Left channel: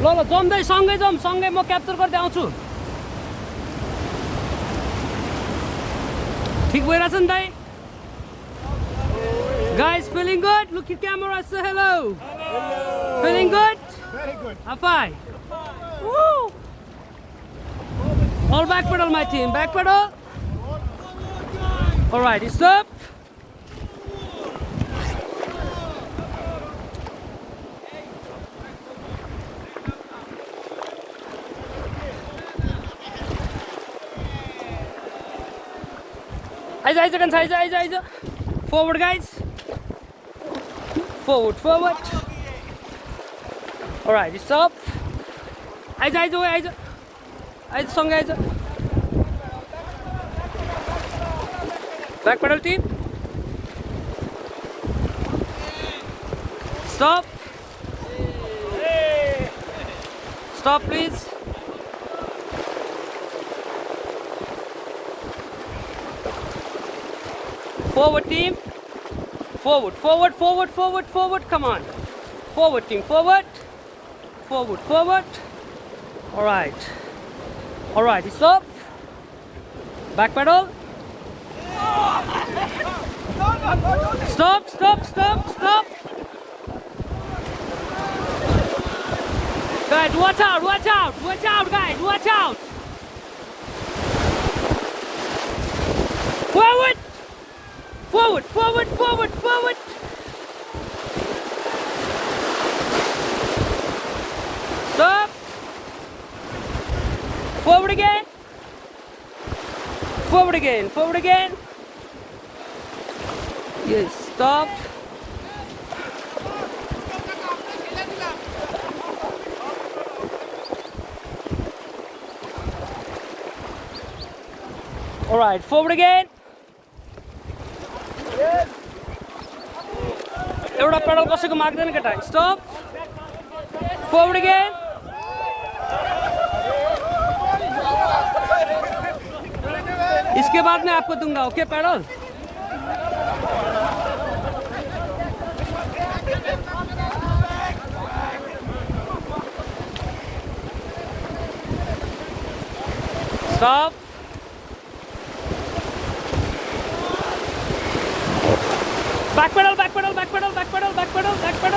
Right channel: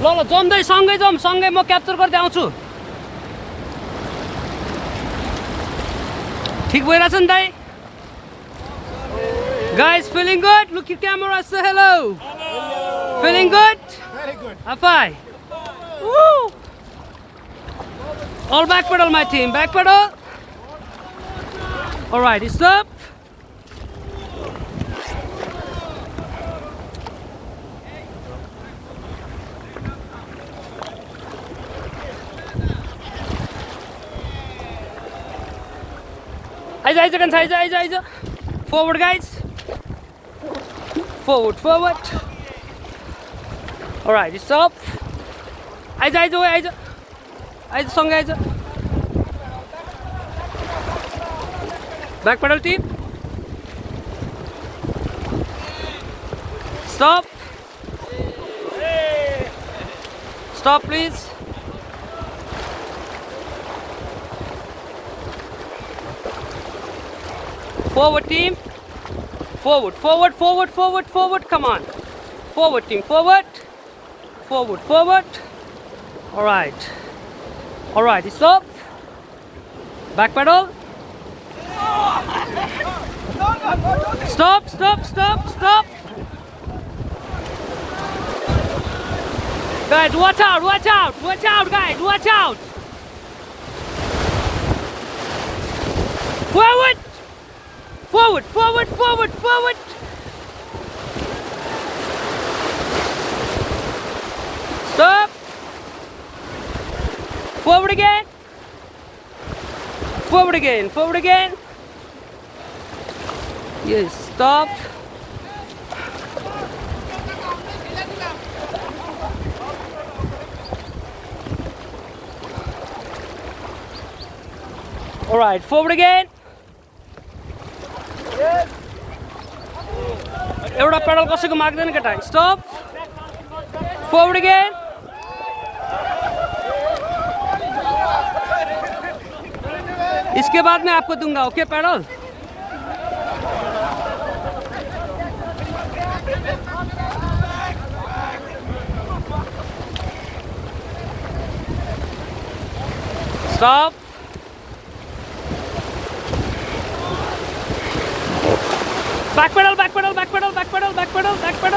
ल ल जम्दै सँगै जाउँ, सँगै म क्याप्चर गर्दै आउँछु। ठिक भइरहेछ नि दाइ? Guys, feeling good? Look at camera, say hello. Hello. Feeling good? Very good. High five. Woo! All back pedal, my team. Back pedal. All right, stop. Aiza. Forward, guys. Forward. All right, stop. Aiza. Song, Aiza. Back pedal, team. Stop. Stop, please. Forward, team. Forward. Come on. Forward, team. Forward. All right. Stop. Back pedal. Stop. Guys, watch out, guys. Watch out. Forward. Stop. Forward again. Yes, stop. All right, forward again. एउटा pedal कसैको माग्दैन केटा स्टप forward again इसके बाद मैं आपको दूंगा okay pedal stop back pedal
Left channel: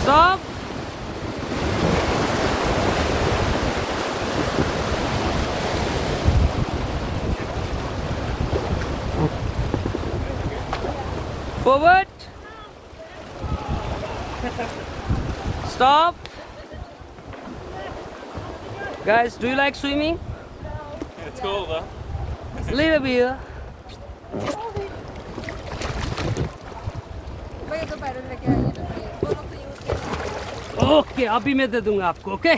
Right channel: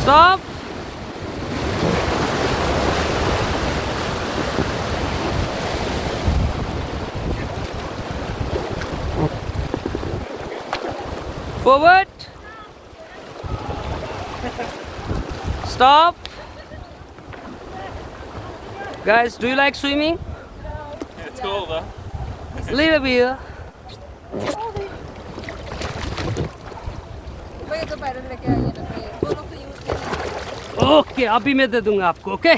stop forward stop guys do you like swimming It's cool though little bit okay अभी मैं दे दूंगा आपको ओके